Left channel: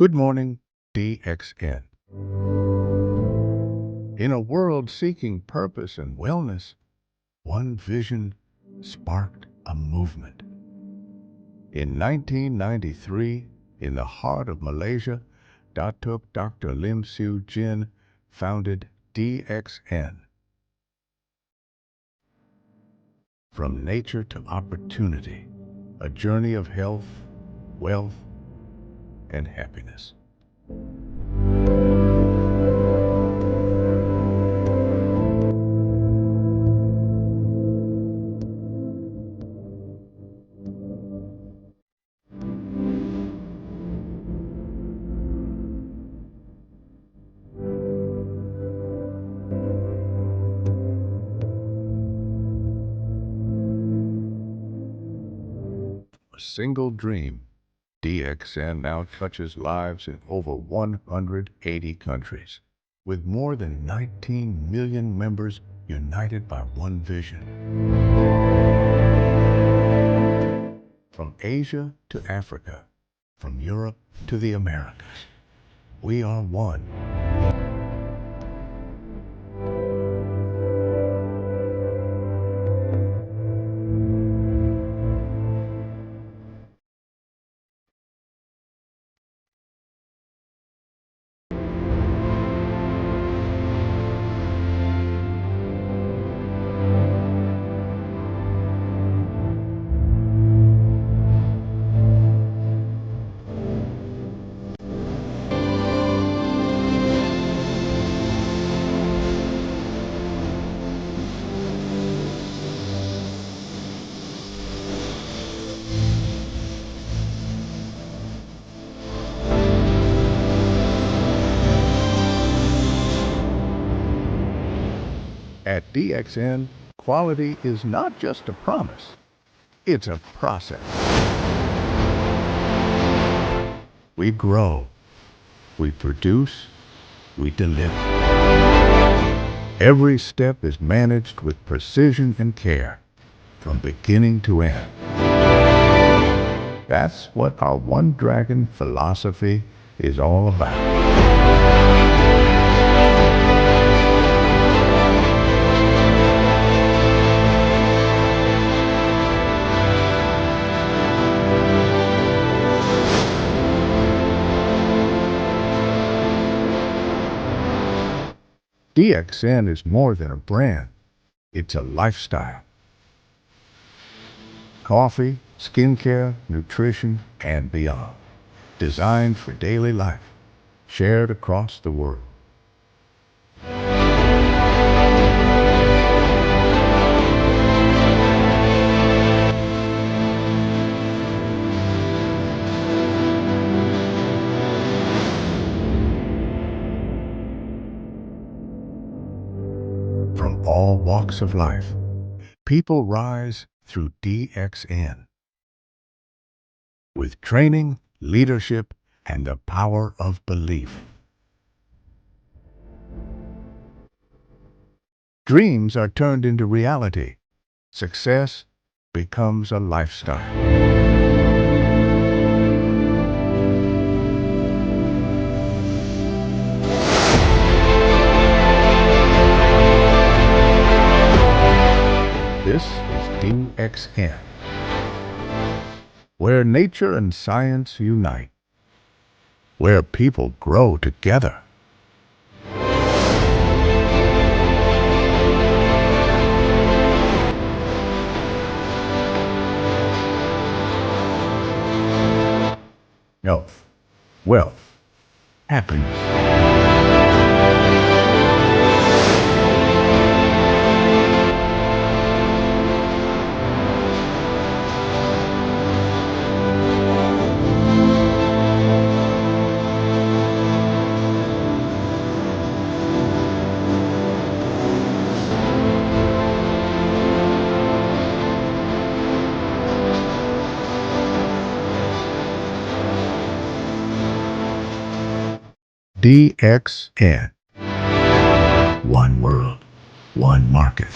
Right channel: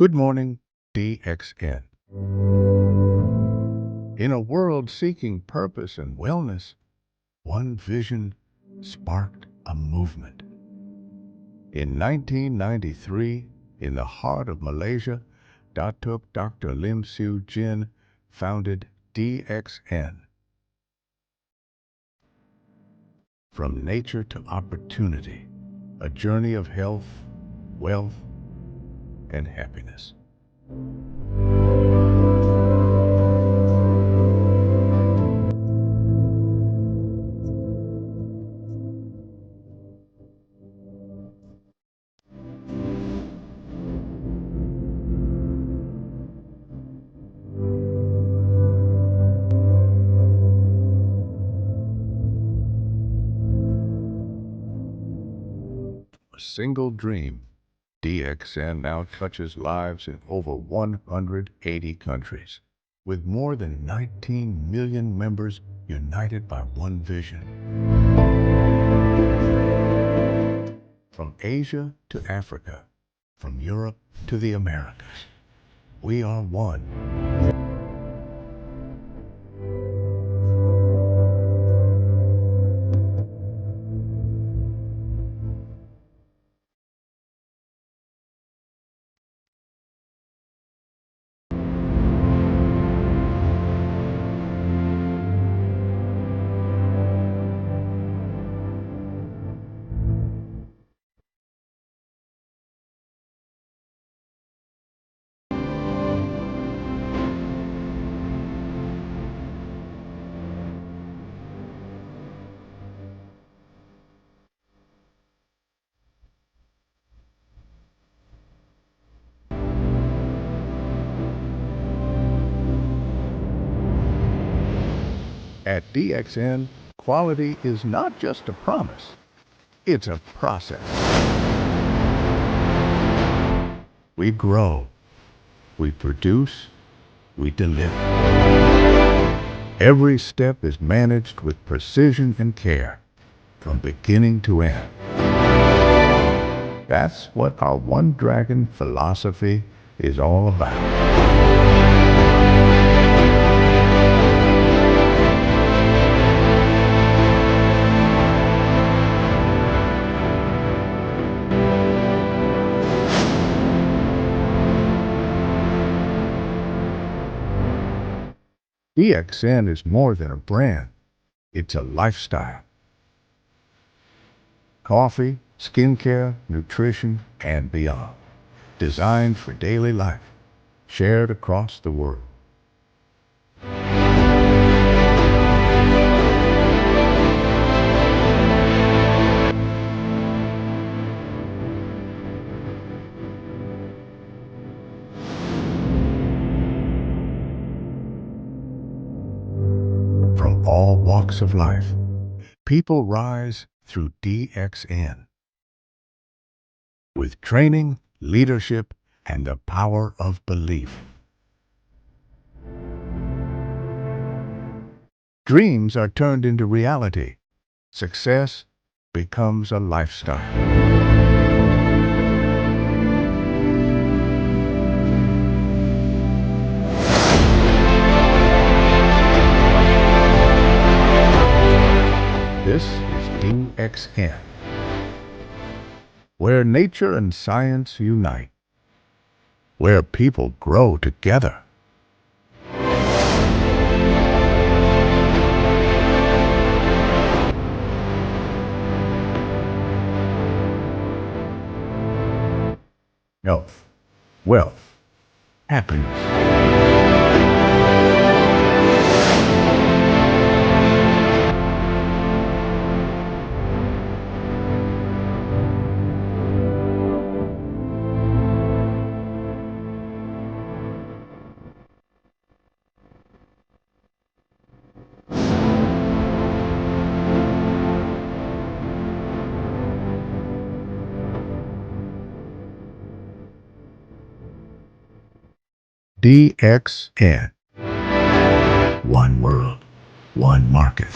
Good morning, DXN. In a world seeking purpose and wellness, one vision sparked a movement. In 1993, in the heart of Malaysia, Datuk Dr. Lim Siu Jin founded DXN. From nature to opportunity, a journey of health, wealth, and happiness. A single dream, DXN now touches lives in over 180 countries, with more than 19 million members united by one vision. From Asia to Africa, from Europe to the Americas, we are one. At DXN, quality is not just a promise, it's a process. We grow, we produce, we deliver. Every step is managed with precision and care, from beginning to end. That's what our One Dragon philosophy is all about. DXN is more than a brand, it's a lifestyle. Coffee, skincare, nutrition, and beyond. Designed for daily life, shared across the world. From all walks of life, people rise through DXN. With training, leadership, and the power of belief. Dreams are turned into reality. Success becomes a lifestyle. This is DXN, where nature and science unite, where people grow together. Health, wealth, happiness. DXN. One world, one market.